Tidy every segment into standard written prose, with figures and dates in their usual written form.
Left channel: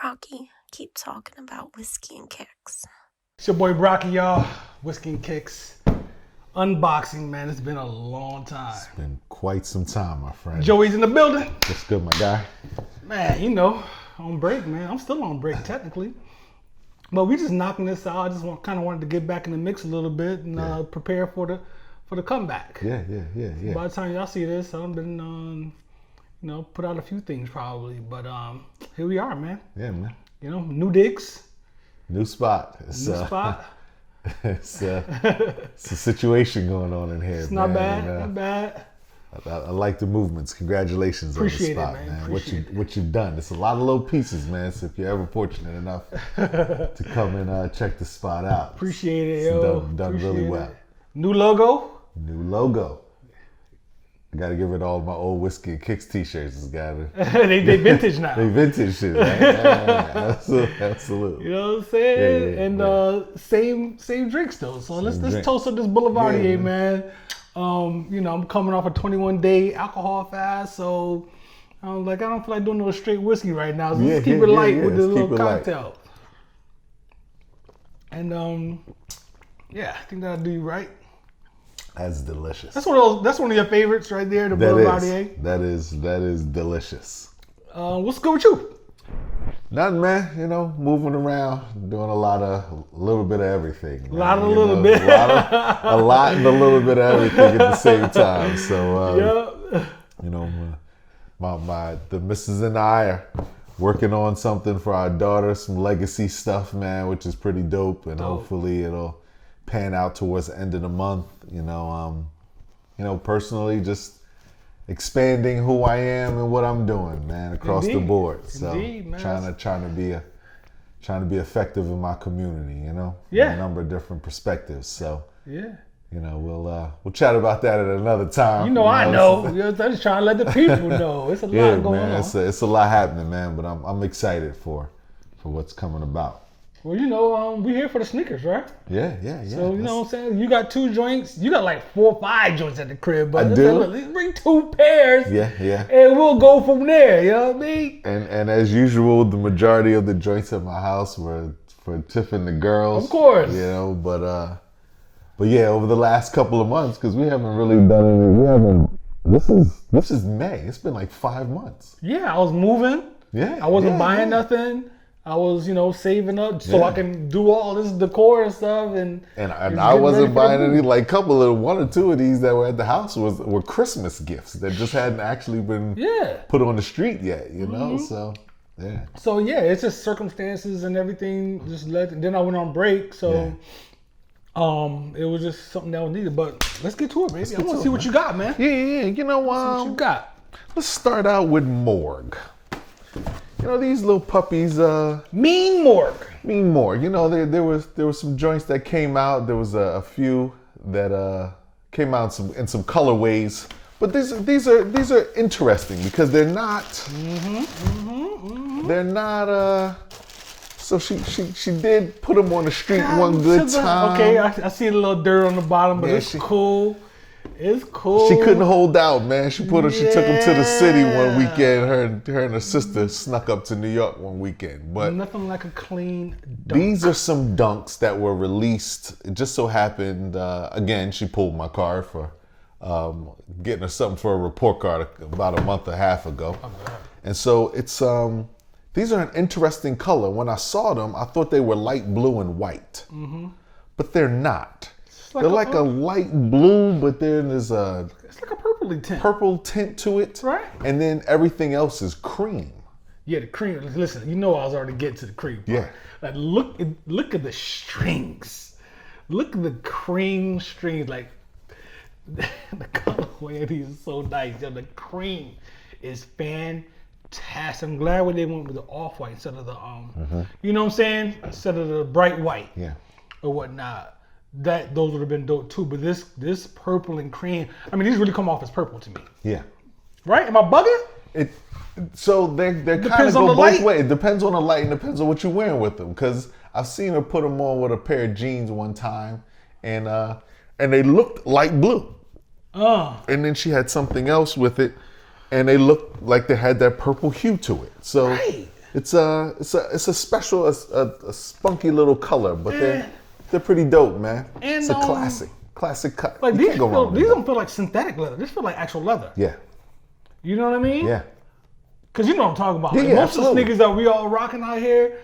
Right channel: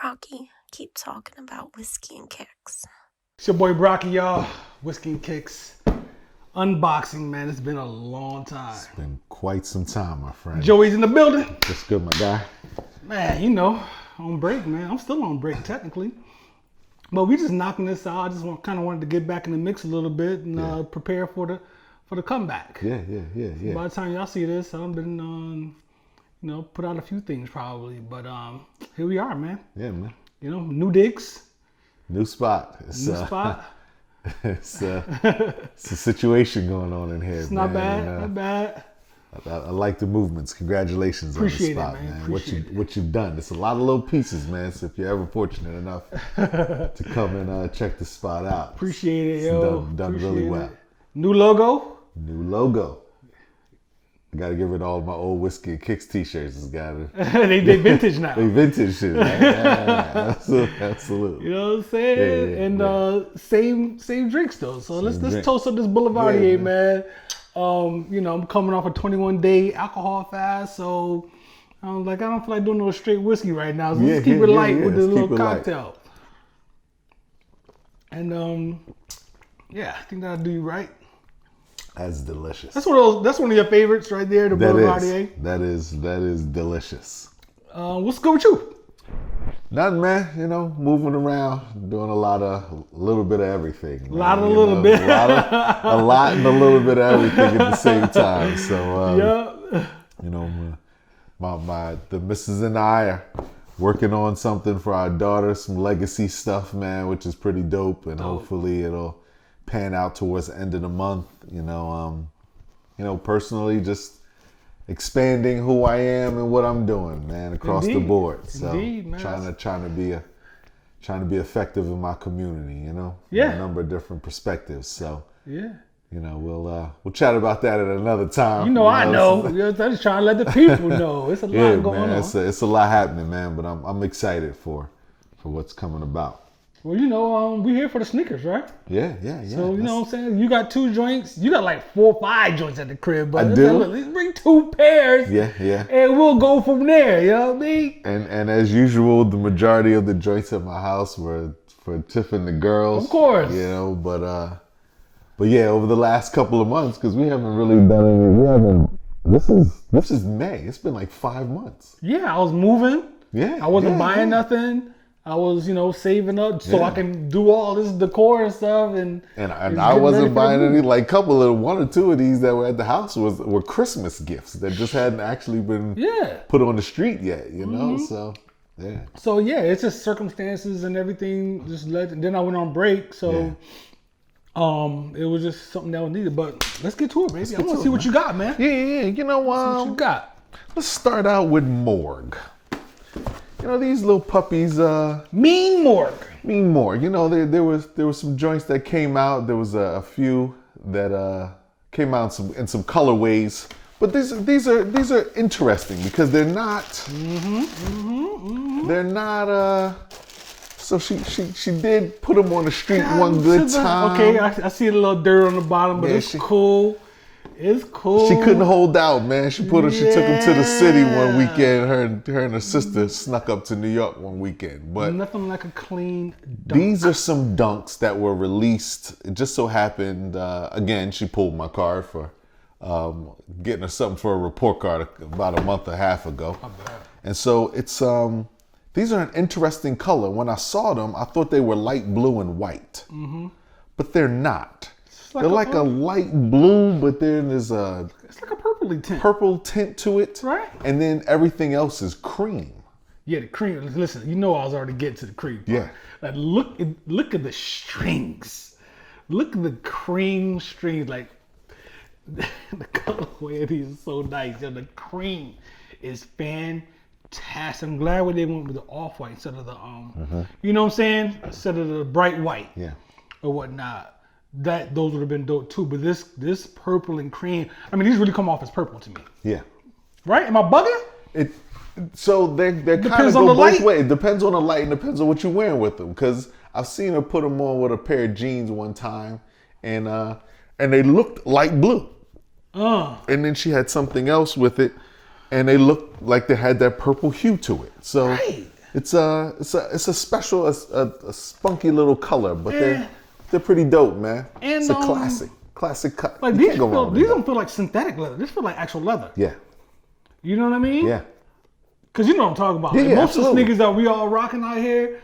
Brocky, keep talking about whiskey and kicks. It's your boy Brocky, y'all. Whiskey and Kicks. Unboxing, man. It's been a long time. Quite some time, my friend. Joey's in the building. What's good, my guy? Man, you know, on break, man. I'm still on break, technically. But we just knocking this out. I just kind of wanted to get back in the mix a little bit and prepare for the comeback. Yeah. By the time y'all see this, I've been, put out a few things probably. But here we are, man. Yeah, man. You know, new digs. New spot. New spot. It's a situation going on in here. It's not bad, not bad. I like the movements. Congratulations. Appreciate it, man. Appreciate it. What you've done. It's a lot of little pieces, man. So if you're ever fortunate enough to come and check the spot out. Appreciate it, yo. Appreciate really it. New logo. New logo. Gotta get rid of all my old Whiskey and Kicks t-shirts. they vintage now. They vintage. Absolutely. You know what I'm saying? And same drinks though. So let's toast up this Boulevardier, man. I'm coming off a 21-day alcohol fast, so I don't feel like doing no straight whiskey right now. So let's keep it light with this little cocktail. And I think that'll do you right. That's delicious. That's one of your favorites right there, the Boulevardier. That is delicious. What's good with you? Nothing, man. Moving around, doing a little bit of everything. A little bit. a little bit of everything at the same time. So, the missus and I are working on something for our daughter, some legacy stuff, man, which is pretty dope. And hopefully it'll pan out towards the end of the month. Personally, just expanding who I am and what I'm doing, man. Indeed, the board. Indeed, man. Trying to be effective in my community, Yeah. A number of different perspectives. So yeah. We'll chat about that at another time. I know. I'm just trying to let the people know. It's a lot going on. It's a lot happening, man. But I'm excited for what's coming about. Well, we're here for the sneakers, right? Yeah. So, you know what I'm saying? You got 2 joints. You got like 4 or 5 joints at the crib, but it's like, look, let's bring 2 pairs and we'll go from there. You know what I mean? And as usual, the majority of the joints at my house were for Tiff and the girls. Of course. But yeah, over the last couple of months, because we haven't really done anything. This is May. It's been like 5 months. Yeah, I was moving. Yeah. I wasn't buying nothing. I was, saving up so I can do all this decor and stuff, and it's getting ready for the move. Like one or two of these that were at the house were Christmas gifts that just hadn't actually been put on the street yet. So it's just circumstances and everything. Then I went on break, so it was just something that was needed. But let's get to it, baby. I want to see what you got, man. I want to see what you got. Let's start out with Morgue. These little puppies. Mean Morgue. Mean Morgue. There was some joints that came out. There was a few that came out in some colorways. But these are interesting because they're not. They're not. So she did put them on the street. Okay. I see a little dirt on the bottom, but it's cool. It's cool. She couldn't hold out, man. She took it to the city one weekend. Her and her sister snuck up to New York one weekend. But nothing like a clean dunk. These are some dunks that were released. It just so happened, again, she pulled my card for getting her something for a report card about a month and a half ago. How bad. And so it's these are an interesting color. When I saw them, I thought they were light blue and white. But they're not. It's like they're a light blue, but then there's it's like a purpley tint. Purple tint to it. Right. And then everything else is cream. Yeah, the cream. Listen, I was already getting to the cream part. Yeah. Like look at the strings. Look at the cream strings. Like the colorway of these is so nice. The cream is fantastic. I'm glad they went with the off-white instead of the you know what I'm saying? Instead of the bright white or whatnot. Those would have been dope too. But this purple and cream, these really come off as purple to me. Yeah. Right? Am I bugging? So they depends on the light. It depends on the light. It depends on what you're wearing with them. Because I've seen her put them on with a pair of jeans one time, and they looked light blue. And then she had something else with it, and they looked like they had that purple hue to it. So Right. it's a special, a spunky little color. But they're pretty dope, man. And it's a classic cut. like these don't feel like synthetic leather. These feel like actual leather. Yeah. You know what I mean? Yeah. Cause you know what I'm talking about. Like most of the sneakers that we all rocking out here,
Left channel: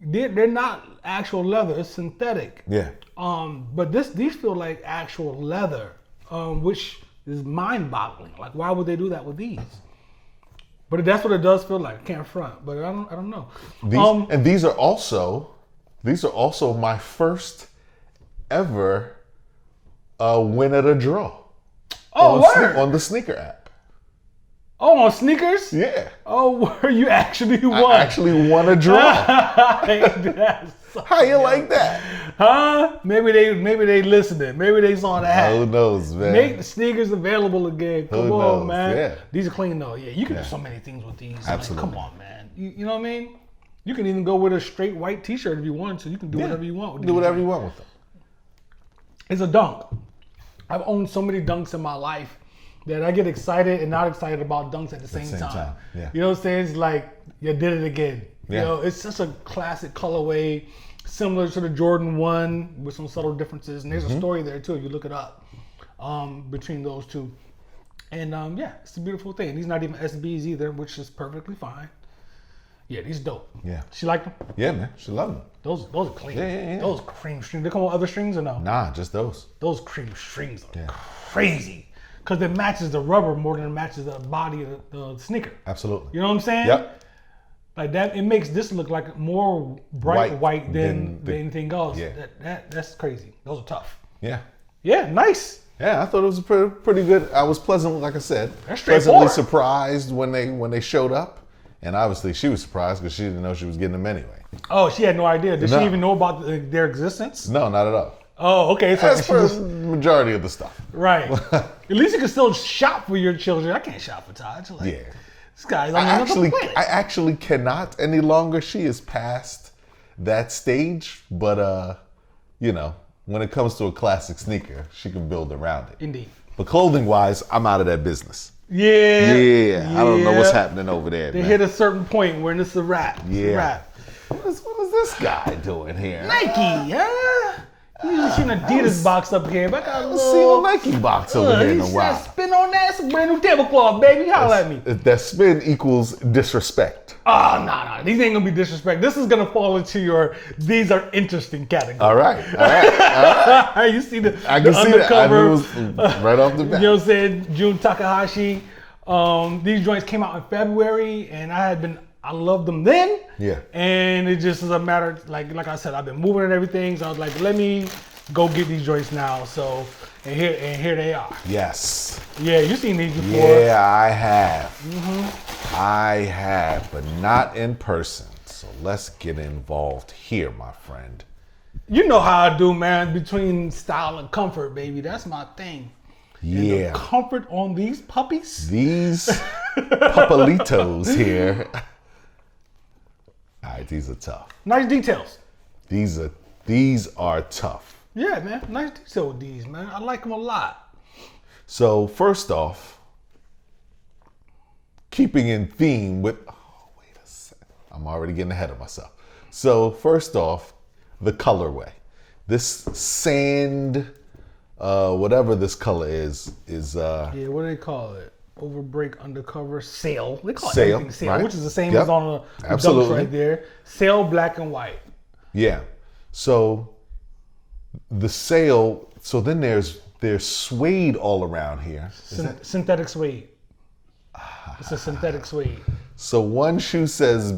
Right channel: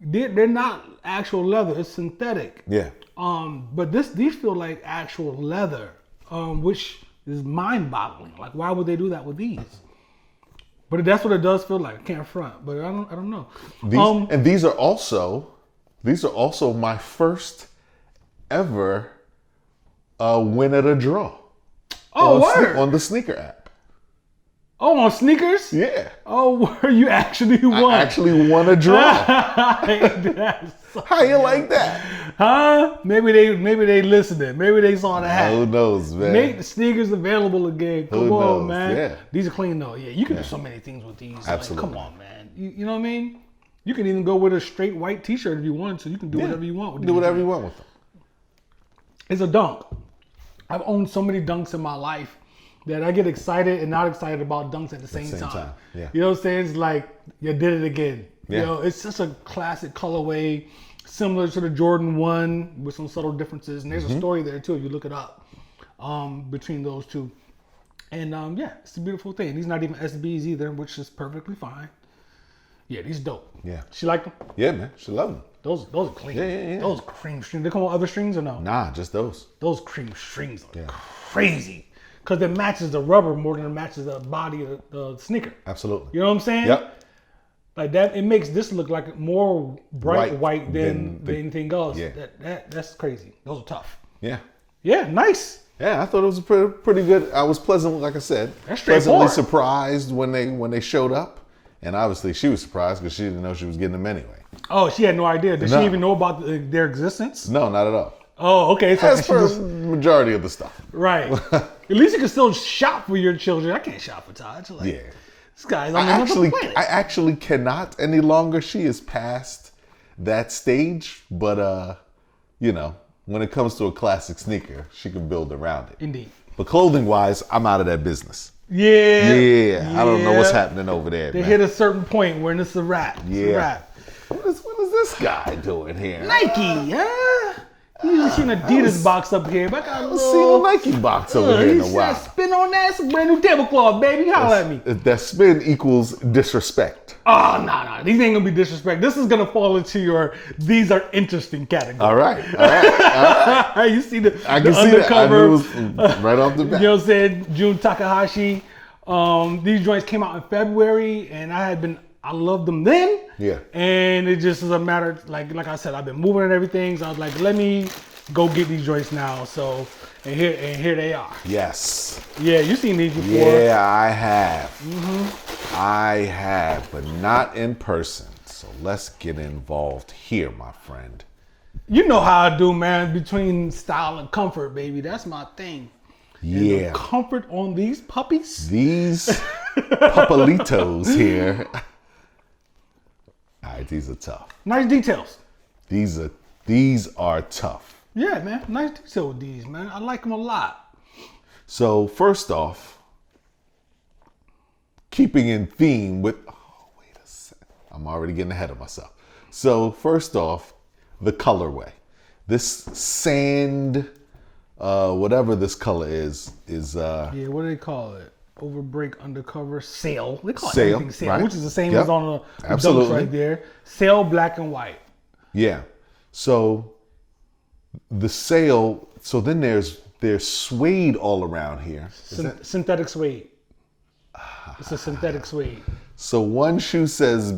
they're not actual leather. It's synthetic. Yeah. But these feel like actual leather, which is mind-boggling. Like, why would they do that with these? But that's what it does feel like. I can't front, but I don't know. And these are also my first ever win at a draw. Oh, word! On the sneaker app. Oh, on sneakers? Yeah. Oh, where you actually won? I actually won a draw. That's How you like that? Huh? Maybe they listening. Maybe they saw the hat. Who knows, man? Make the sneakers available again. Come Who on, knows? man. Yeah. These are clean though. Yeah, you can do so many things with these. Like, come on, man. You know what I mean? You can even go with a straight white T-shirt if you want to. You can do whatever you want with Do these whatever you joints. want. It's a dunk. I've owned so many dunks in my life that I get excited and not excited about dunks at the same time. Yeah. You know what I'm saying? It's like you did it again. You Yeah. know, it's just a classic colorway, similar to the Jordan 1 with some subtle differences. And there's a story there too if you look it up between those two. And yeah, it's a beautiful thing. These not even SBs either, which is perfectly fine. Yeah, these dope. Yeah. She like them? Yeah, man. She love them. Those are clean. Yeah. Those cream strings. They come with other strings or no? Nah, just those. Those cream strings are crazy because it matches the rubber more than it matches the body of the sneaker. Absolutely. You know what I'm saying? Yep. Like that, it makes this look like more bright white than anything else. Yeah. That's crazy. Those are tough. Yeah. Yeah, nice. Yeah, I thought it was pretty good. I was pleasant, like I said. That's straightforward. I was surprised when they showed up, and obviously she was surprised because she didn't know she was getting them in. Oh, she had no idea. Did she even know about their existence? No, not at all. Oh, okay. So and she just majority of the stuff. right. At least you can still shop for your children. I can't shop for Taj. Like this guy's on another planet. I actually cannot any longer. She is past that stage, but you know, when it comes to a classic sneaker, she can build around it. Indeed. But clothing wise, I'm out of that business. Yeah. They hit a certain point where it's a wrap. It's a wrap. What is this guy doing here? Nike, huh? You usually see an Adidas box up here, but I got a little. Nike box. You see that spin on that? It's a brand new tablecloth, baby. Holla at me. That spin equals disrespect. Oh, no. These ain't gonna be disrespect. This is gonna fall into your these are interesting category. All right. You see the undercover, right off the you know what I'm saying? Jun Takahashi. These joints came out in February, and I loved them then. Yeah. And it just is a matter, like I said, I've been moving and everything, so I was like, let me go get these joints now. So, and here they are. Yes. Yeah, you've seen these before. Yeah, I have. I have, but not in person. Let's get involved here, my friend. You know how I do, man. Between style and comfort, baby. That's my thing. And the comfort on these puppies. These Papalitos here. These are tough. Nice details. These are tough. Yeah, man. Nice detail with these, man. I like them a lot. So first off, keeping in theme with, I'm already getting ahead of myself. So first off, the colorway. This sand, whatever this color is Yeah, what do they call it? Overbreak, Undercover Sail. They call it Sail. everything Sail, which is the same as on the dunks right there. Sail, black and white. Yeah. So the sail. So then there's suede all around here. Synthetic suede. It's a synthetic suede. So one shoe says,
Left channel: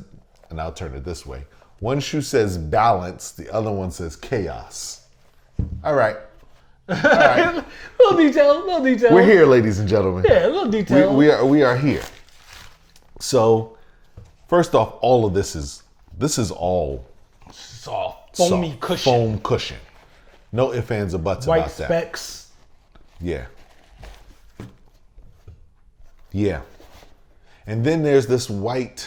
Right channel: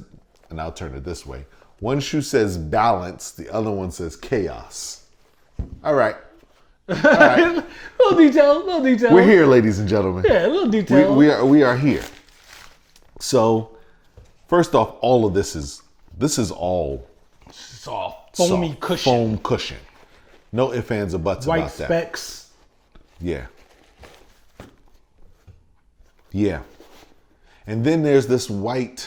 and I'll turn it this way. One shoe says balance. The other one says chaos. All right. little details. We're here, ladies and gentlemen. Yeah, little details. We are here. So first off, all of this is all It's all foamy cushion. foam cushion. No ifs, ands, or buts. White about that. specs. Yeah. Yeah. And then there's this white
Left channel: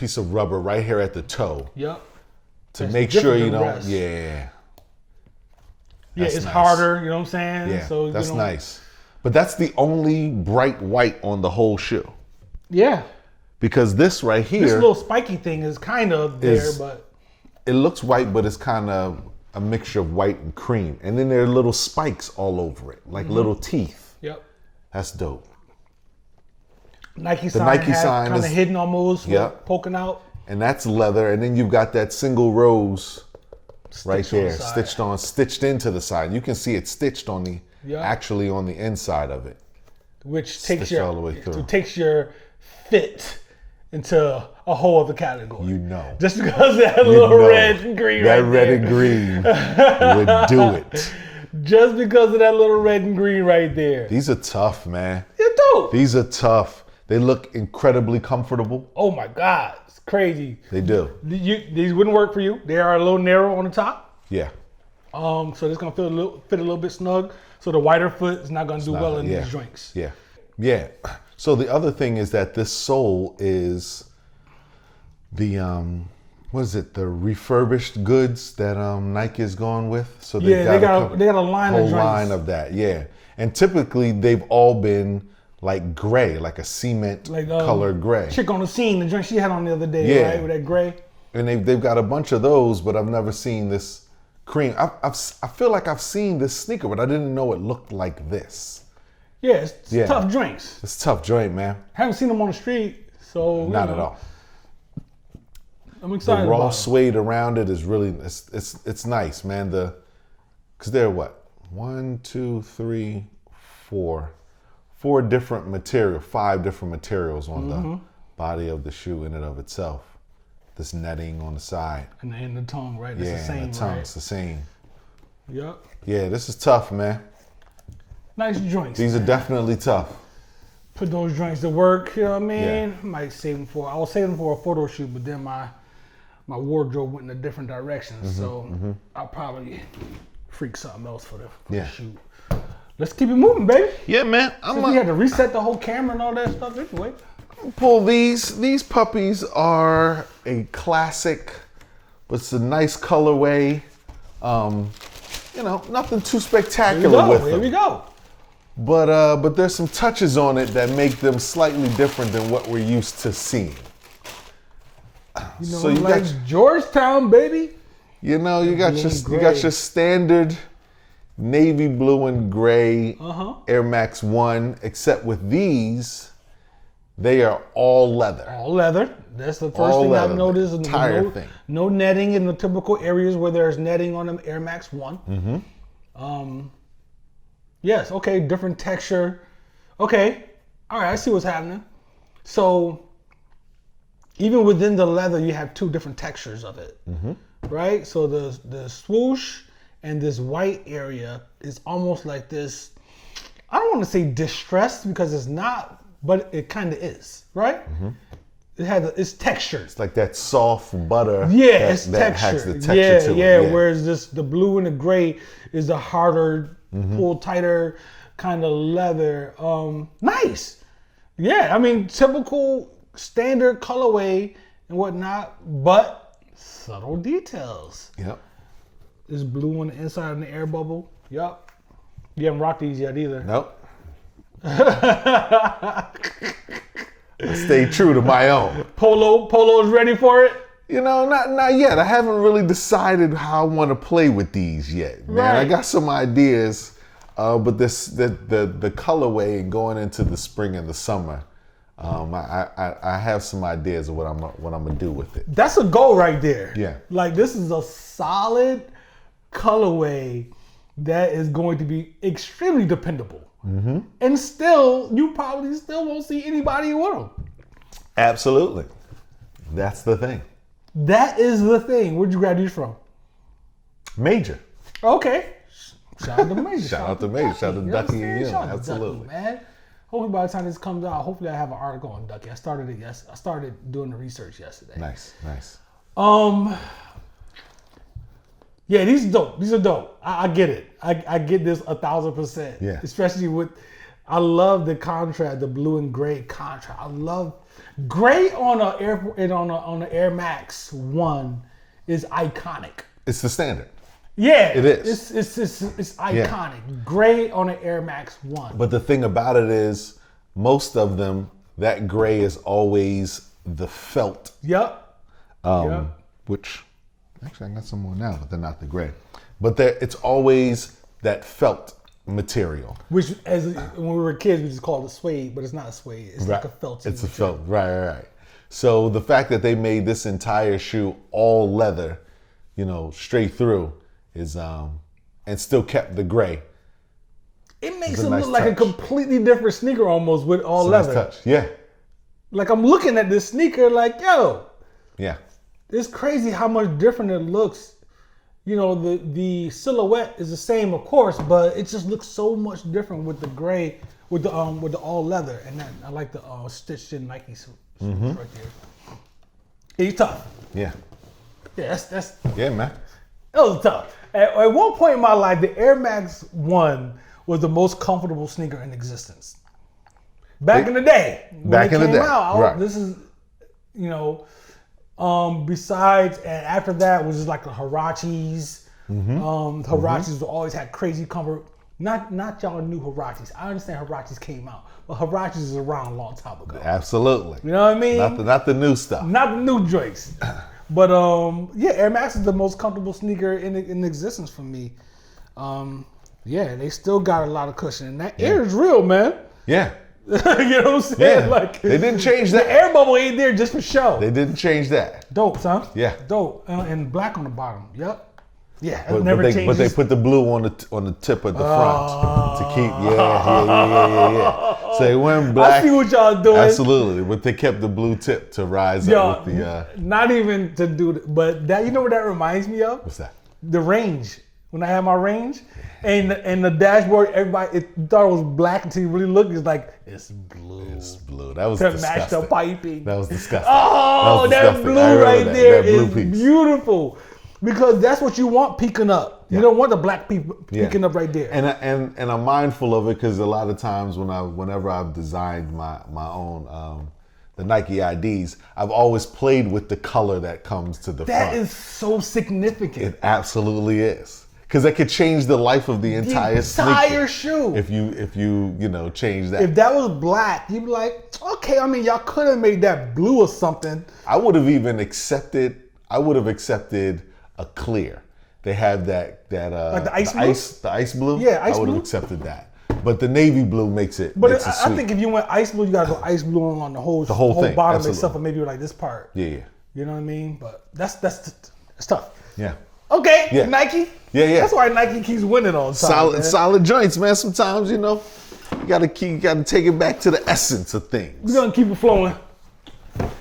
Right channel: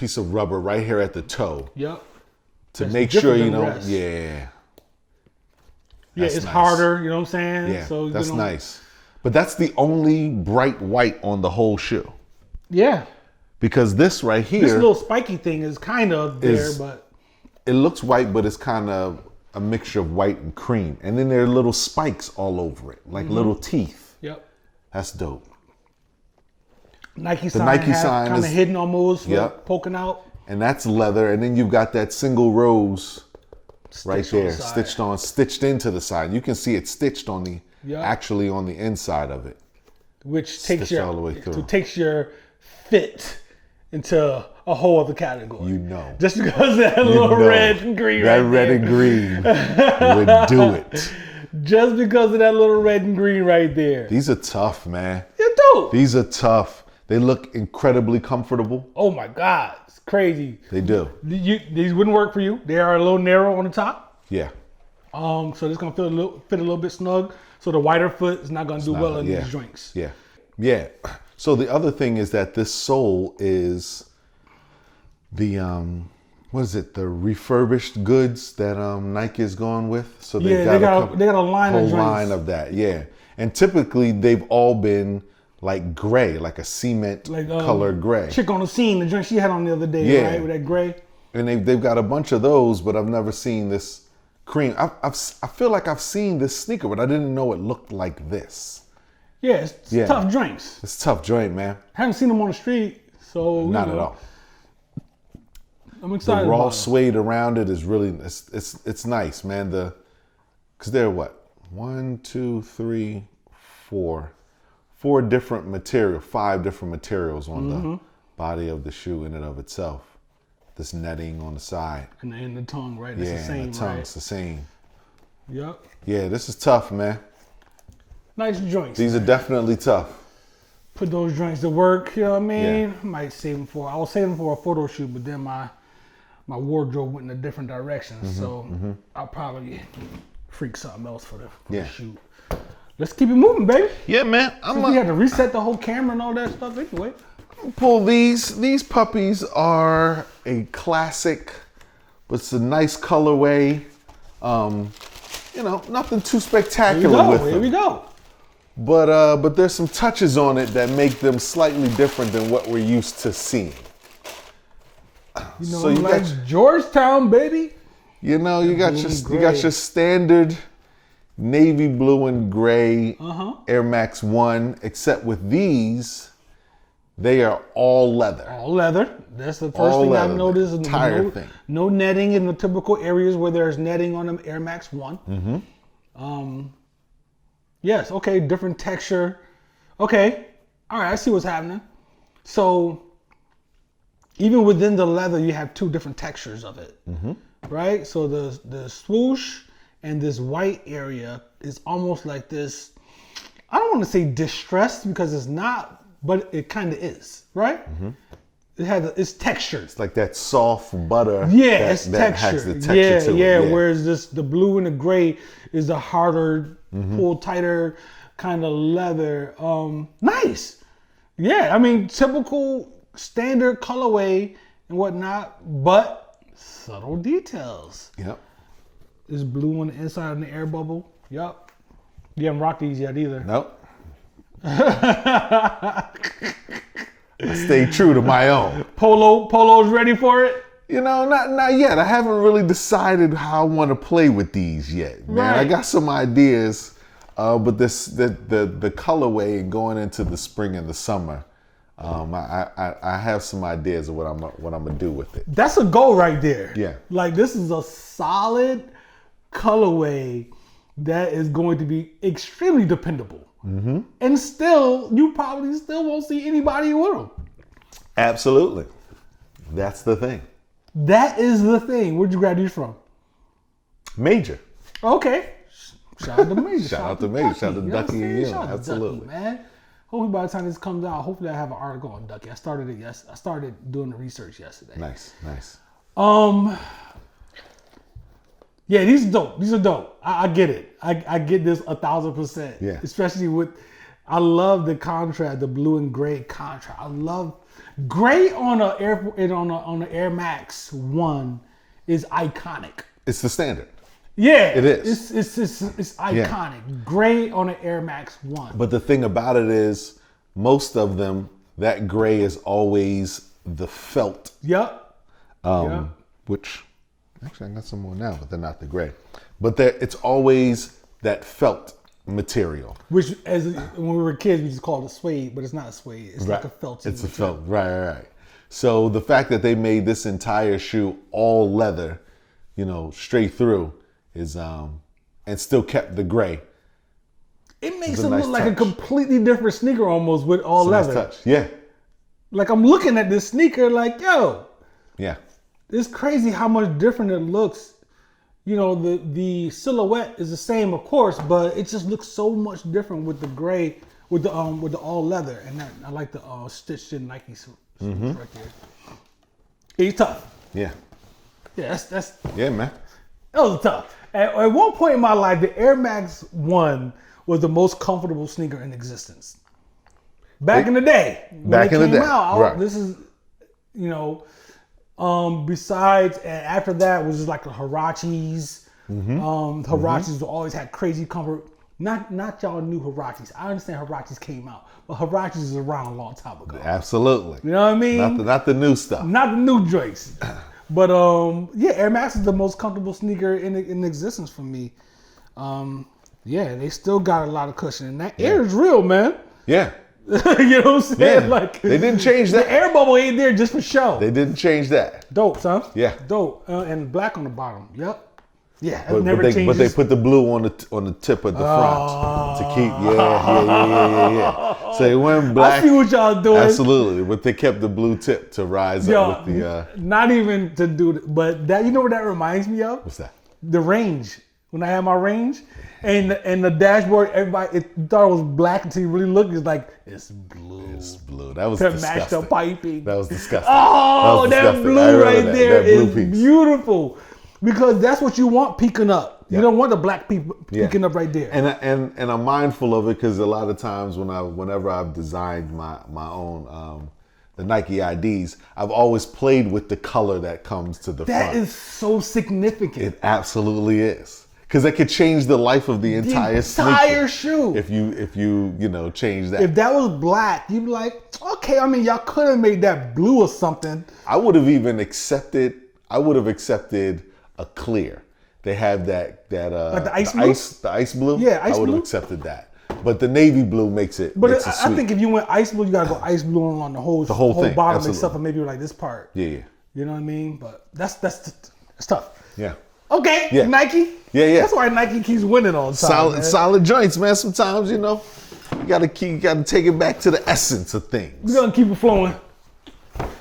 piece of rubber right here at the toe. Yep. That's Make different sure than you don't- rest. Yeah. Yeah, it's harder, you know what I'm saying? Yeah, So, you that's know. nice. But that's the only bright white on the whole shoe. Yeah. Because this right here, This little spiky thing is kind of there, but it looks white, but it's kind of a mixture of white and cream. And then there are little spikes all over it, like little teeth. yep. That's dope. Nike sign Nike half sign kind of is- hidden almost, but Yeah. poking out. And that's leather. And then you've got that single rose Stitch on the side. stitched into the side. You can see it stitched on Yeah. actually on the inside of it. Which takes your All the way through. fit into a whole other category. Just because of that little red and green right there. Just because of that little red and green right there. These are tough, man. They're dope. These are tough. They look incredibly comfortable. Oh my God, it's crazy. They do. These wouldn't work for you. They are a little narrow on the top. Yeah. So it's gonna fit a little bit snug. So the wider foot is not gonna do well in these joints. Yeah. Yeah. So the other thing is that this sole is the what is it? The refurbished goods that Nike is going with. So Yeah, they got a line of whole joints. line of that. Yeah. And typically they've all been like gray, like a cement Like color gray. chick on the scene, the joint she had on the other day, Yeah. right? With that gray. And they've got a bunch of those, but I've never seen this cream. I feel like I've seen this sneaker, but I didn't know it looked like this. Yeah, it's Yeah. tough joints. It's a tough joint, man. Haven't seen them on the street, so you Not know, at all. I'm excited The raw about them. suede around it is really it's nice, man. Because they're what 1, 2, 3, 4 different material, 5 different materials on the body of the shoe in and of itself. This netting on the side, And in the tongue, right? That's the same, It's right? the same. Yep. Yeah, this is tough, man. Nice joints, These man. are definitely tough. Put those joints to work. You know what I mean? Might save them for. I was saving them for a photo shoot, but then my wardrobe went in a different direction, so I'll probably freak something else for the shoot. Let's keep it moving, baby. Yeah, man. Since we had to reset the whole camera and all that stuff anyway. Well, these puppies are a classic. It's a nice colorway. Nothing too spectacular. Here we go. with it. Here we go. But there's some touches on it that make them slightly different than what we're used to seeing. You know, I'm like Georgetown, baby. You know, That you got blue and your- gray. you got your standard navy blue and gray Air Max 1, except with these, they are all leather. All leather. That's the first All thing I've leather. noticed. And with Entire no netting in the typical areas where there's netting on them Air Max 1. Yes, okay, different texture. Okay, all right, I see what's happening. So even within the leather, you have 2 different textures of it, right? So the swoosh and this white area is almost like this. I don't want to say distressed because it's not, but it kind of is, right? It's textured. It's like that soft butter. Yeah, it's that has textured. the texture Yeah, to it. yeah. Whereas the blue and the gray is the harder, pull tighter kind of leather. Nice. Yeah, I mean typical standard colorway and whatnot, but subtle details. Yeah. It's blue on the inside of the air bubble. Yup. You haven't rocked these yet either. Nope. Stay true to my own. Polo's ready for it. Not yet. I haven't really decided how I want to play with these yet. Right. I got some ideas, but the colorway going into the spring and the summer. I have some ideas of what I'm gonna do with it. That's a goal right there. Yeah. Like this is a solid colorway that is going to be extremely dependable. And still, you probably still won't see anybody with them. Absolutely. That's the thing. That is the thing. Where'd you grab these from? Major. Okay. Shout out to Major. Shout out to Major. Ducky. Shout out You to know what I'm Ducky, saying? yeah, Shout out to absolutely. Ducky, man. Hopefully by the time this comes out, hopefully I have an article on Ducky. I started doing the research yesterday. Nice. Yeah, these are dope. These are dope. I get it. I get this 1,000%. Yeah. Especially with, I love the contrast, the blue and gray contrast. I love gray on a Air Max 1 is iconic. It's the standard. Yeah, It it's iconic. Gray on an Air Max 1. But the thing about it is, most of them, that gray is always the felt. Yep. Which I got some more now, but they're not the gray. But it's always that felt material. Which, when we were kids, we just called it suede, but it's not a suede. It's like a felty material. Right. So the fact that they made this entire shoe all leather, straight through, is and still kept the gray. It makes it look like a completely different sneaker almost with all leather. Yeah. Like I'm looking at this sneaker like, yo. Yeah. It's crazy how much different it looks. The silhouette is the same, of course, but it just looks so much different with the gray, with the all leather, and I like the stitched in Nike swoosh right there. He's tough. Yeah. Yeah, that's. Yeah, man. That was tough. At one point in my life, the Air Max 1 was the most comfortable sneaker in existence. Back in the day, when they came out, this is, besides, and after that was just like the Huaraches. Huaraches always had crazy comfort. Not y'all new Huaraches. I understand Huaraches came out, but Huaraches is around a long time ago. Absolutely. You know what I mean? Not the new stuff. Not the new joints. But Air Max is the most comfortable sneaker in existence for me. They still got a lot of cushion, and that air is real, man. Yeah. You know what I'm saying? Yeah. Like the air bubble ain't there just for show. They didn't change that. Dope, son. Yeah. Dope. And black on the bottom. Yep. Yeah, it never changes. Put the blue on the tip of the I see what y'all doing. Absolutely, but they kept the blue tip to rise. Yo, not even to do it, but that, you know what that reminds me of? The range. When I had my range, and the dashboard, everybody thought it was black until you really look. It's like it's blue to match the piping. That blue right there is beautiful. Because that's what you want peeking up. You don't want the black peeking up right there. And I'm mindful of it because a lot of times whenever I've designed my own the Nike IDs, I've always played with the color that comes to the That front. is so significant. It absolutely is. Because it could change the life of the entire shoe. If you change that. If that was black, you'd be like, okay, I mean, y'all could have made that blue or something. I would have accepted a clear. They have that like the ice blue? The ice blue? Yeah, ice blue. I would have accepted that. But the navy blue makes it. But I think if you went ice blue, you gotta go ice blue on the whole bottom, except for maybe like this part. Yeah. You know what I mean? But that's tough. Yeah. Okay, yeah. Nike. Yeah. That's why Nike keeps winning all the time, man. We're gonna keep it flowing.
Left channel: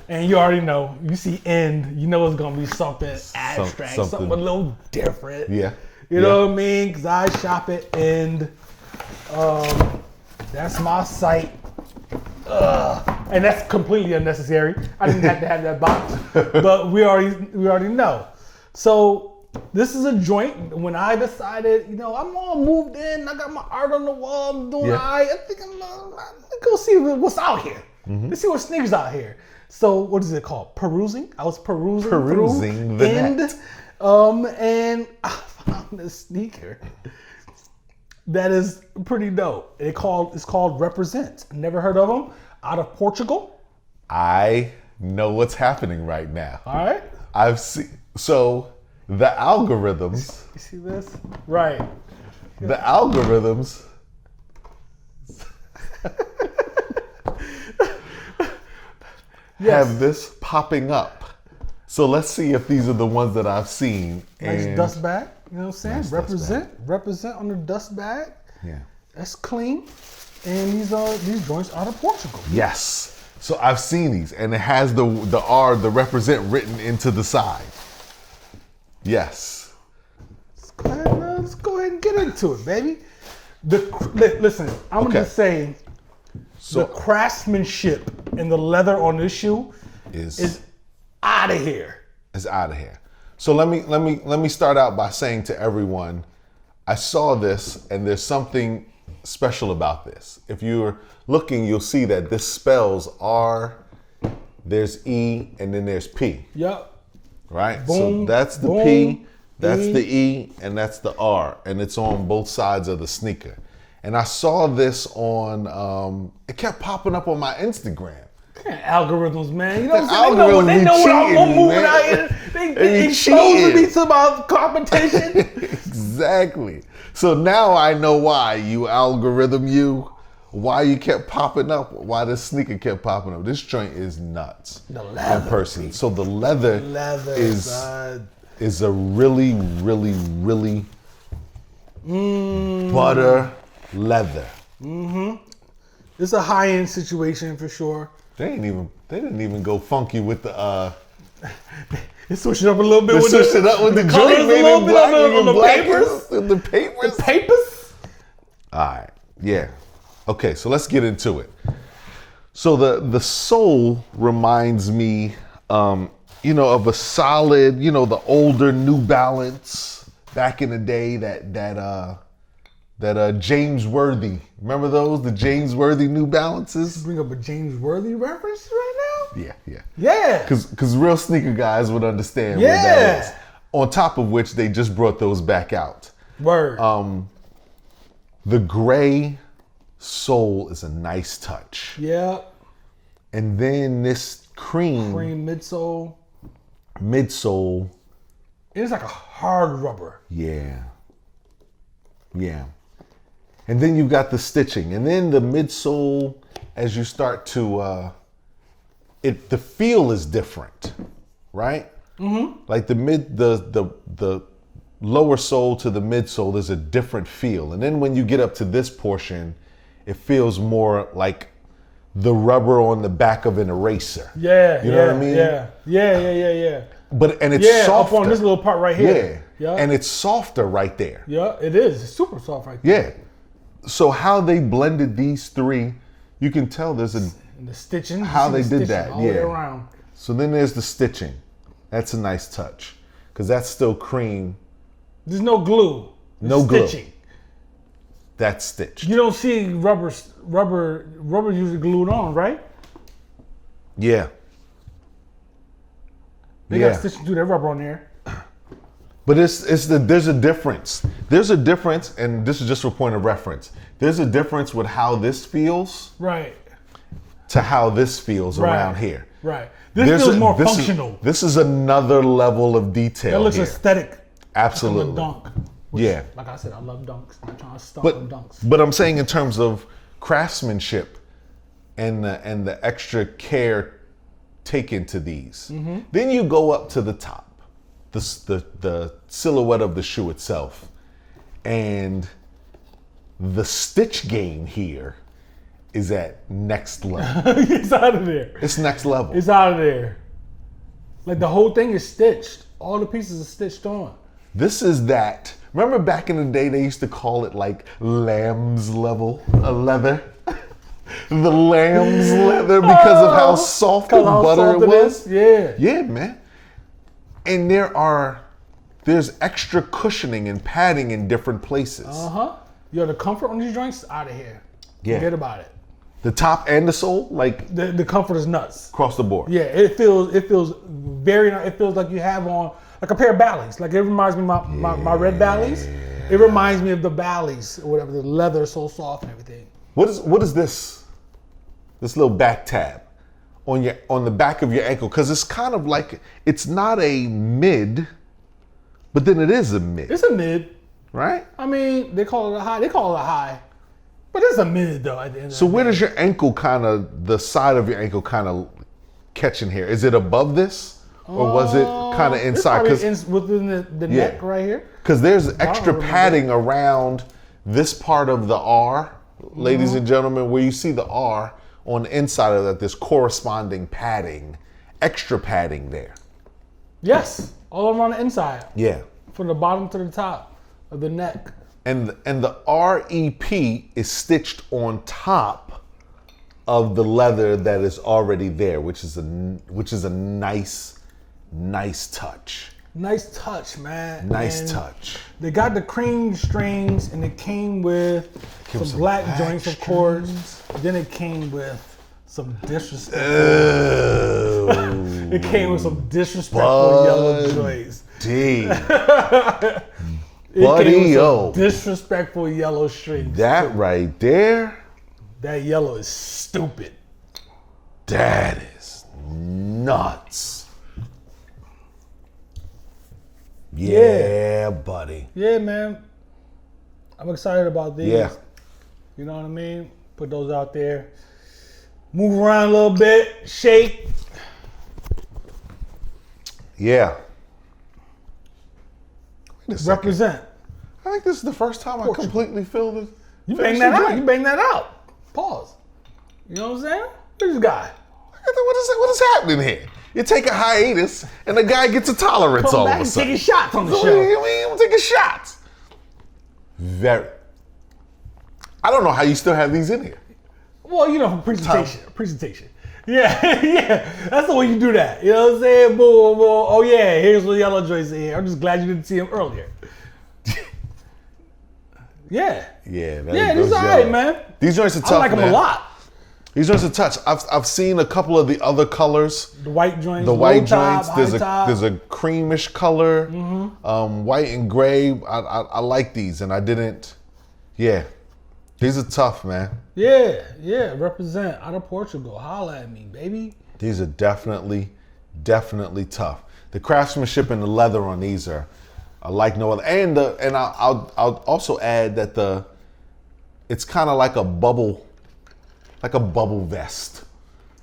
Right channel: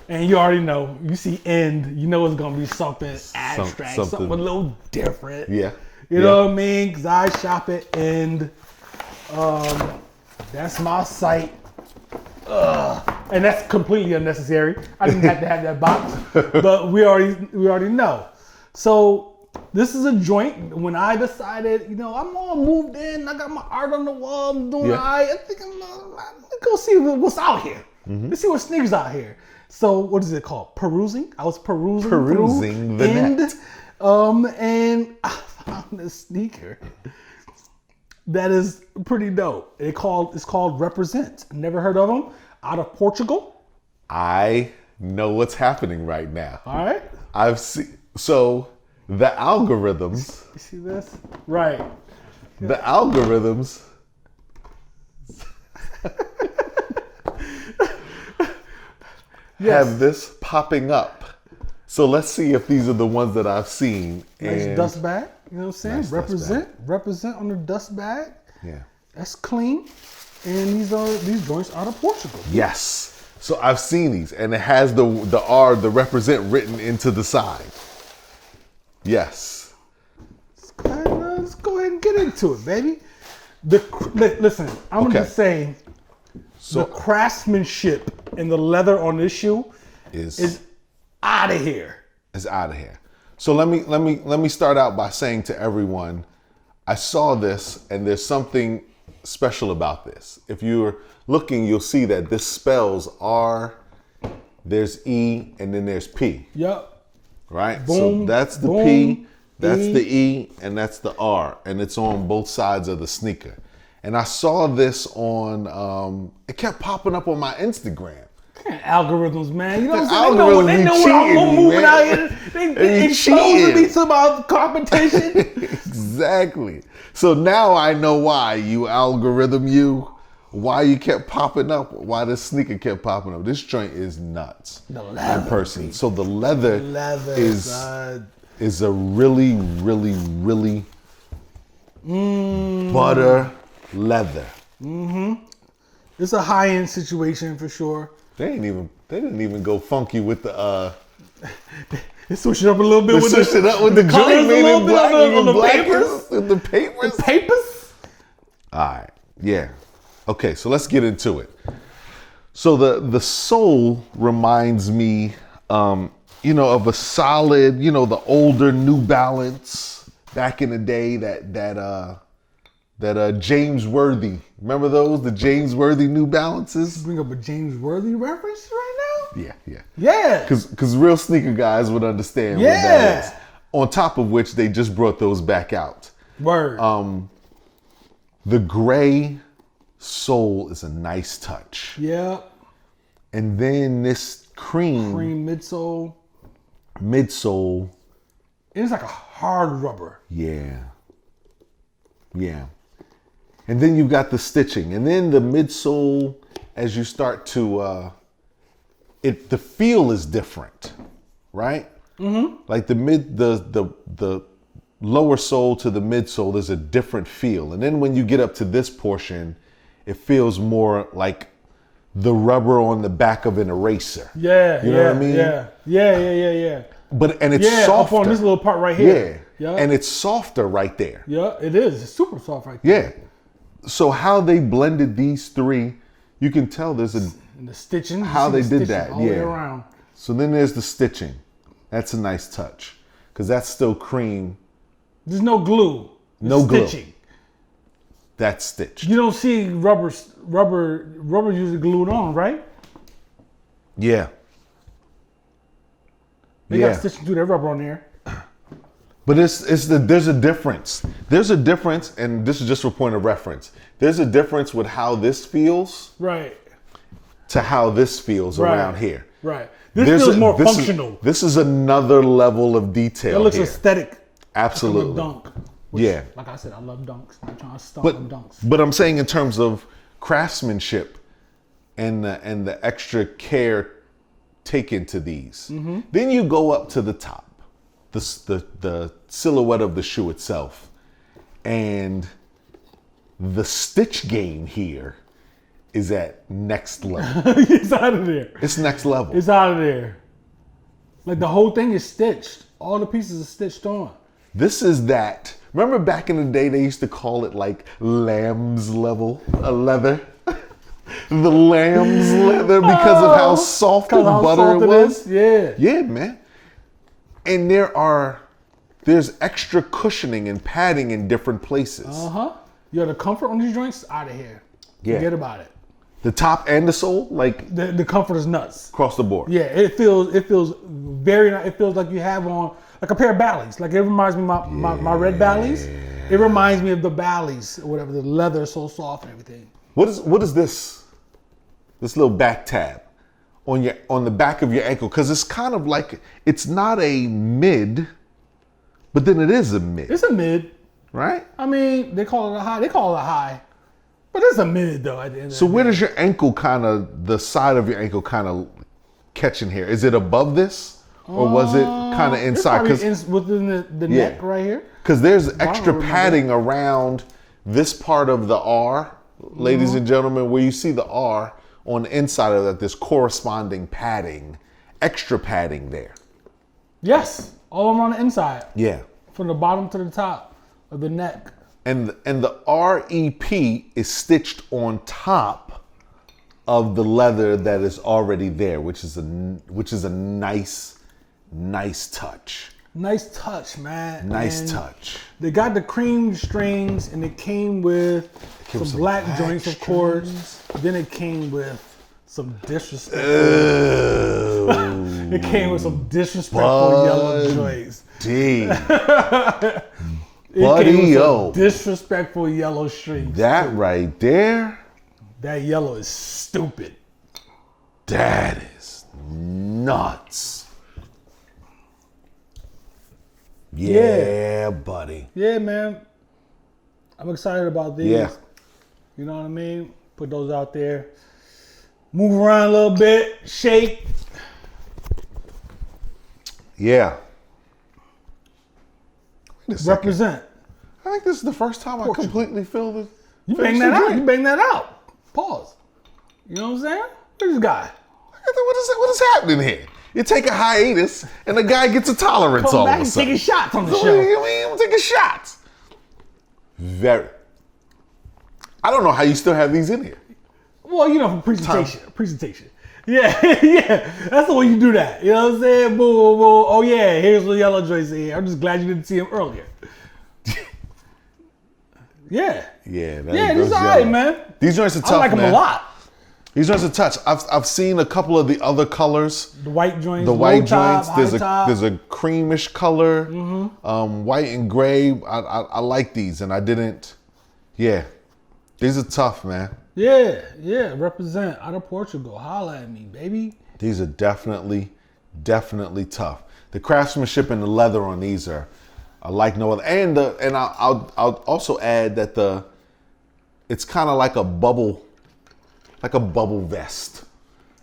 And you already know, you see end, you know it's gonna be something abstract, something a little different. Yeah. You know what I mean? Because I shop at end. That's my site. And that's completely unnecessary. I didn't have to have that box, but we already know. So this is a joint. When I decided, I'm all moved in, I got my art on the wall, I'm doing I think I'm gonna go see what's out here. Let's see what sneakers out here. So what is it called? Perusing. I was perusing through end, and I found a sneaker that is pretty dope. It's called Represent. Never heard of them? Out of Portugal. I know what's happening right now. All right. I've seen. So the algorithms. You see this? Right. The algorithms. Yes. Have this popping up. So let's see if these are the ones that I've seen. Nice dust bag. You know what I'm saying? Represent on the dust bag. Yeah. That's clean. And these joints out of Portugal. Yes. So I've seen these, and it has the represent written into the side. Yes. Let's go ahead and get into it, baby. Listen, I'm gonna just say, the craftsmanship and the leather on this shoe is out of here. It's out of here. So let me start out by saying to everyone, I saw this, and there's something special about this. If you're looking, you'll see that this spells R, there's E, and then there's P. Yep. Right? Boom, So that's the boom, P, E. that's the E, and that's the R, and it's on both sides of the sneaker. And I saw this on, it kept popping up on my Instagram. Algorithms, man. You know what I'm saying? They know what I'm moving out here. They exposing me to my competition. Exactly. So now I know why why you kept popping up, why the sneaker kept popping up. This joint is nuts. The leather, baby. So the leather, son. It's a really, really, really butter leather. Mm-hmm. It's a high-end situation for sure. They didn't even go funky with the They switched it up a little bit with the colors, a little bit on the papers. The papers. Alright, yeah. Okay, so let's get into it. So the sole reminds me, of a solid, the older New Balance back in the day that James Worthy. Remember those? The James Worthy New Balances? You bring up a James Worthy reference right now? Yeah. Yeah. Because real sneaker guys would understand. Yeah. On top of which they just brought those back out. Word. The gray sole is a nice touch. Yep. And then this cream midsole. Midsole. It's like a hard rubber. Yeah. Yeah. And then you got the stitching. And then the midsole, as you start to, the feel is different, right? Mm-hmm. Like the lower sole to the midsole is a different feel. And then when you get up to this portion, it feels more like the rubber on the back of an eraser. Yeah. But up on this little part right here. Yeah. And it's softer right there. Yeah, it is. It's super soft right there. Yeah. So how they blended these three, you can tell there's And the stitching, you see the stitching all the way around. So then there's the stitching. That's a nice touch because that's still cream. There's no glue. There's stitching. Glue. That's stitch. You don't see rubber usually glued on, right? Yeah. They got stitching through their rubber on there. But there's a difference. There's a difference, and this is just for point of reference. There's a difference with how this feels, right, to how this feels right around here. Right. This feels more functional. This is another level of detail. That looks aesthetic. Absolutely. It's from the dunk, which, like I said, I love dunks. Not trying to stunt on dunks. But I'm saying in terms of craftsmanship and the extra care taken to these. Mm-hmm. Then you go up to the top. The silhouette of the shoe itself, and the stitch game here is at next level. It's out of there. It's next level. It's out of there. Like the whole thing is stitched. All the pieces are stitched on. This is that. Remember back in the day they used to call it like lamb's level leather. The lamb's leather because of how soft it is. Yeah. Yeah, man. And there's extra cushioning and padding in different places. Yo, the comfort on these joints out of here. Yeah. Forget about it. The top and the sole, like the comfort is nuts across the board. Yeah, it feels very nice. It feels like you have on like a pair of Bally's. Like it reminds me of my red Bally's. It reminds me of the Bally's or whatever. The leather is so soft and everything. What is this? This little back tag on the back of your ankle, because it's kind of like. It's not a mid, but then it is a mid. It's a mid. Right? I mean, they call it a high. They call it a high. But it's a mid, though, at the end of the day. So where's your ankle the side of your ankle kind of catching here? Is it above this? Or was it kind of inside? It's probably within the neck right here. Because there's extra padding around this part of the R, ladies and gentlemen, where you see the R on the inside of that, there's corresponding padding, extra padding there. Yes, all around the inside. Yeah. From the bottom to the top of the neck. And the REP is stitched on top of the leather that is already there, which is a nice touch. Nice touch, man. They got the cream strings, and it came with some black joints, of course. But then it came with some disrespectful. It came with some disrespectful yellow joints. It came with some disrespectful yellow strings that too. Right there. That yellow is stupid. That is nuts. Yeah. Yeah, buddy. Yeah, man. I'm excited about these. Yeah. You know what I mean? Put those out there. Move around a little bit. Shake. Yeah. Represent. I think this is the first time Portugal. I completely feel this. You bang that out. You bang that out. Pause. You know what I'm saying? Where's this guy? What's happening here? You take a hiatus, and the guy gets a tolerance. Come back and taking shots on the show. Taking shots. Very. I don't know how you still have these in here. Well, you know, for presentation. Presentation. Yeah, yeah. That's the way you do that. You know what I'm saying? Boom, boom, boom. Oh, yeah, here's the yellow joints in here. I'm just glad you didn't see him earlier. Yeah. Yeah, these are all right, man. These are I like them a lot. These are the touch. I've seen a couple of the other colors. The white joints, The low white top, joints, high top. There's a creamish color, white and gray. I like these, and I didn't. Yeah, these are tough, man. Yeah, yeah. Represent out of Portugal. Holla at me, baby. These are definitely tough. The craftsmanship and the leather on these are, I like no other. And I'll also add that it's kind of like a bubble vest.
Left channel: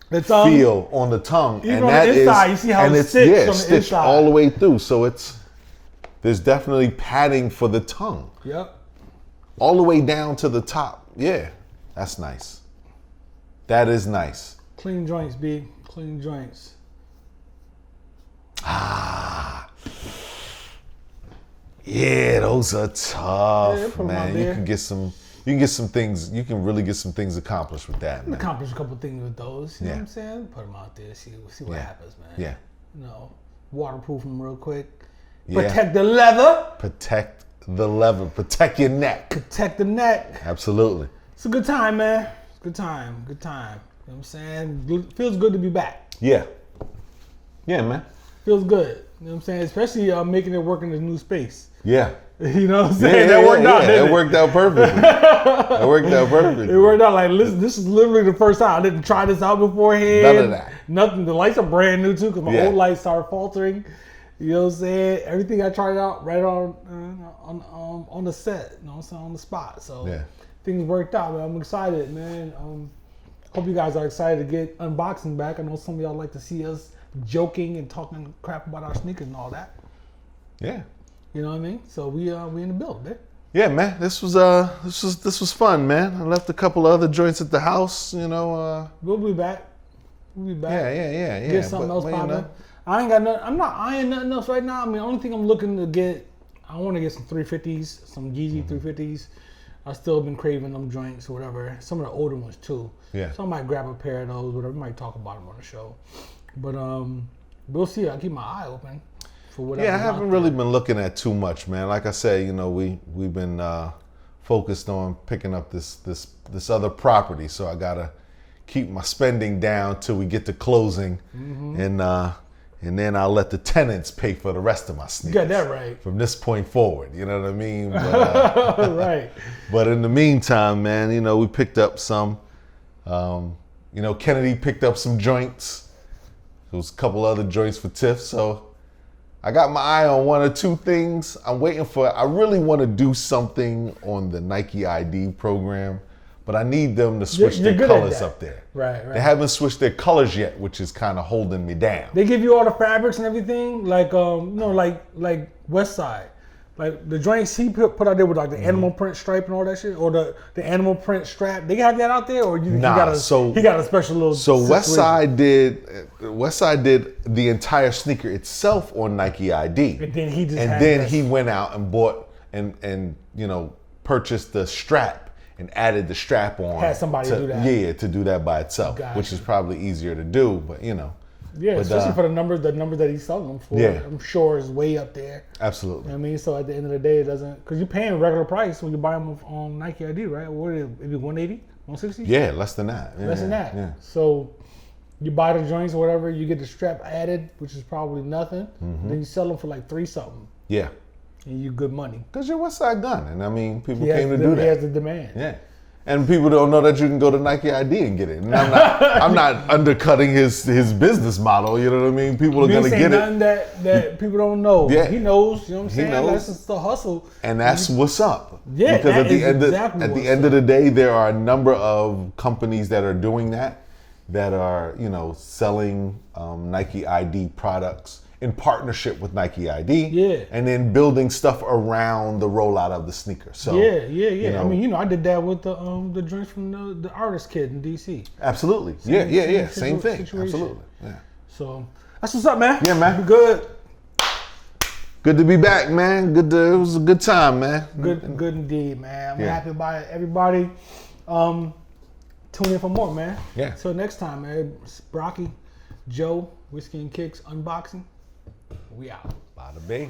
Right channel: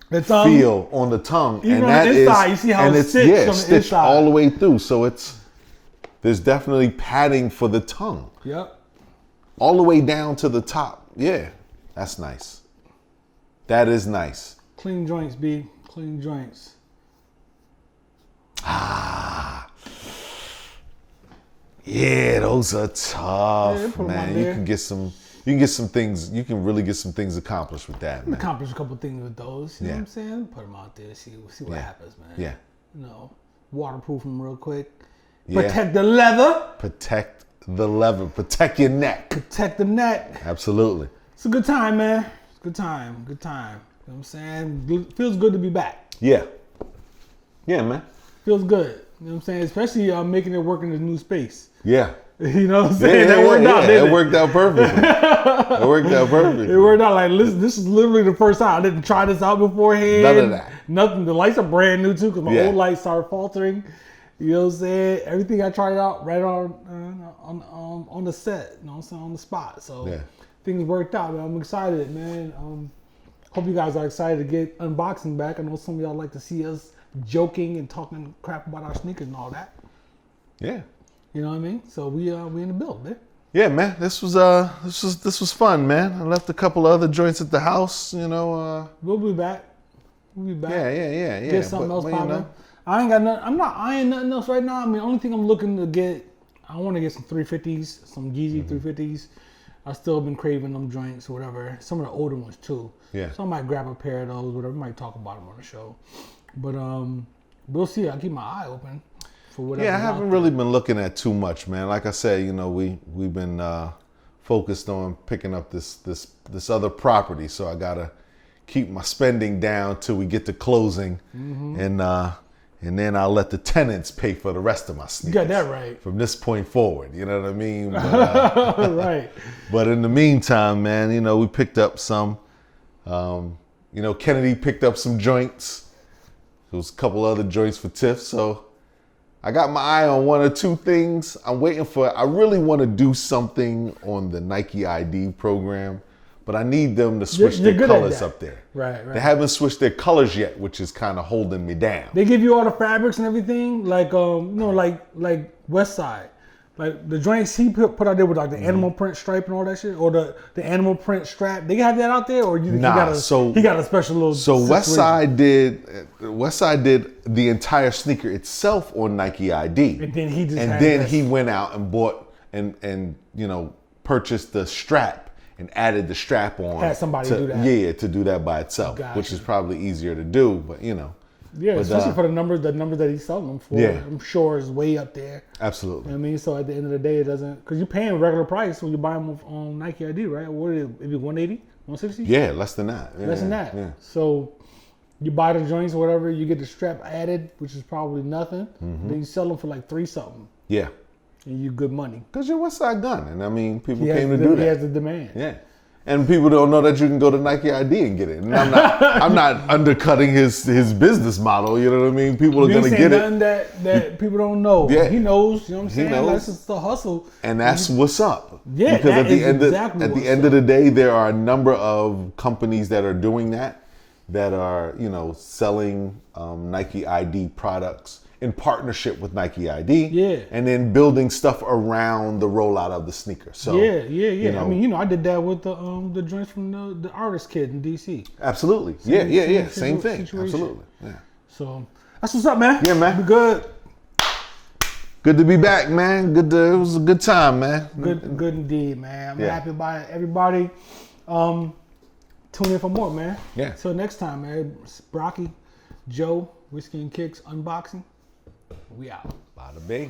The tongue, Feel on the tongue. even And on the that inside, is- you see how and it's stitched on the stitched inside. all the way through. So there's definitely padding for the tongue. Yep. All the way down to the top. Yeah, that's nice. That is nice. Clean joints, B. Clean joints. Yeah, those are tough. Yeah, put 'em out there. You can get some things. You can really get some things accomplished with that. Can accomplish a couple things with those. You know what I'm saying? Put them out there. See what happens, man. Yeah. You know, waterproof them real quick. Protect the leather. Protect the leather. Protect your neck. Protect the neck. Absolutely. It's a good time, man. It's a good time. Good time. You know what I'm saying? Feels good to be back. Yeah. Yeah, man. Feels good. You know what I'm saying? Especially making it work in this new space. Yeah. You know what I'm saying? That worked out, didn't It it? worked out perfect. It worked out perfect. It worked out like, listen, this is literally the first time. I didn't try this out beforehand. Nothing. The lights are brand new too because my old lights started faltering. You know what I'm saying? Everything I tried out right on the set. You know what I'm saying? On the spot. So things worked out, man. I'm excited, man. Hope you guys are excited to get unboxing back. I know some of y'all like to see us joking and talking crap about our sneakers and all that. Yeah. You know what I mean? So we in the build, man. Yeah, man. This was fun, man. We left a couple of other drinks at the house. You know. We'll be back. We'll be back. Yeah. Get something else popping. I ain't got nothing. I'm not eyeing nothing else right now. I mean, the only thing I'm looking to get, I want to get some 350s, some Yeezy 350s. I still been craving them joints or whatever. Some of the older ones too. Yeah. So I might grab a pair of those. Whatever. We might talk about them on the show. But we'll see. I keep my eye open for whatever's out there. I haven't really been looking at too much, man. Like I said, you know, we've been focused on picking up this other property, so I gotta keep my spending down till we get to closing, and then I'll let the tenants pay for the rest of my stuff. You got that right. From this point forward, you know what I mean? Right. But in the meantime, man, you know, we picked up some. You know, Kennedy picked up some joints. There was a couple other joints for Tiff, so I got my eye on one or two things. I'm waiting for. I really want to do something on the Nike ID program, but I need them to switch You're good their at colors that. up there. Right. They haven't switched their colors yet, which is kind of holding me down. They give you all the fabrics and everything, like like West Side, like the joints he put out there with like the animal print stripe and all that shit, or the animal print strap. They have that out there, or you think he got a special little situation. Westside did the entire sneaker itself on Nike ID, And then he just had that. He went out and bought and you know purchased the strap and added the strap on. Had somebody do that. Yeah, to do that by itself. Gotcha. Which is probably easier to do, but you know. Yeah, especially for the numbers that he's selling them for. Yeah. I'm sure is way up there. Absolutely. You know what I mean? So at the end of the day, it doesn't, because you're paying regular price when you buy them on Nike ID, right? What is it? Maybe 180, 160? Yeah, less than that. Yeah. Less than that. Yeah. So you buy the joints or whatever, you get the strap added, which is probably nothing. Then you sell them for like $3 something, Yeah. and you good money. Because you're Westside Gun, and I mean, people He has the demand. Yeah. And people don't know that you can go to Nike ID and get it. I'm not undercutting his business model. You know what I mean? People You ain't saying nothing that people don't know. Yeah. He knows. You know what I'm saying? Like, it's just a hustle. And that's what's up. Yeah, Because that at is the end exactly of, what's At the up. end of the day, there are a number of companies that are doing that are, selling Nike ID products in partnership with Nike ID. Yeah. And then building stuff around the rollout of the sneakers. So, Yeah. I mean, I did that with the drinks from the artist kid in DC. Absolutely. Same Same situation. Absolutely. So that's what's up, man. Yeah, man. Be good. Good to be back, man. It was a good time, man. Good indeed, man. I'm happy about it. Everybody, tune in for more, man. Yeah. Till next time, man. It's Brocky, Joe, Whiskey and Kicks unboxing. We out. Big.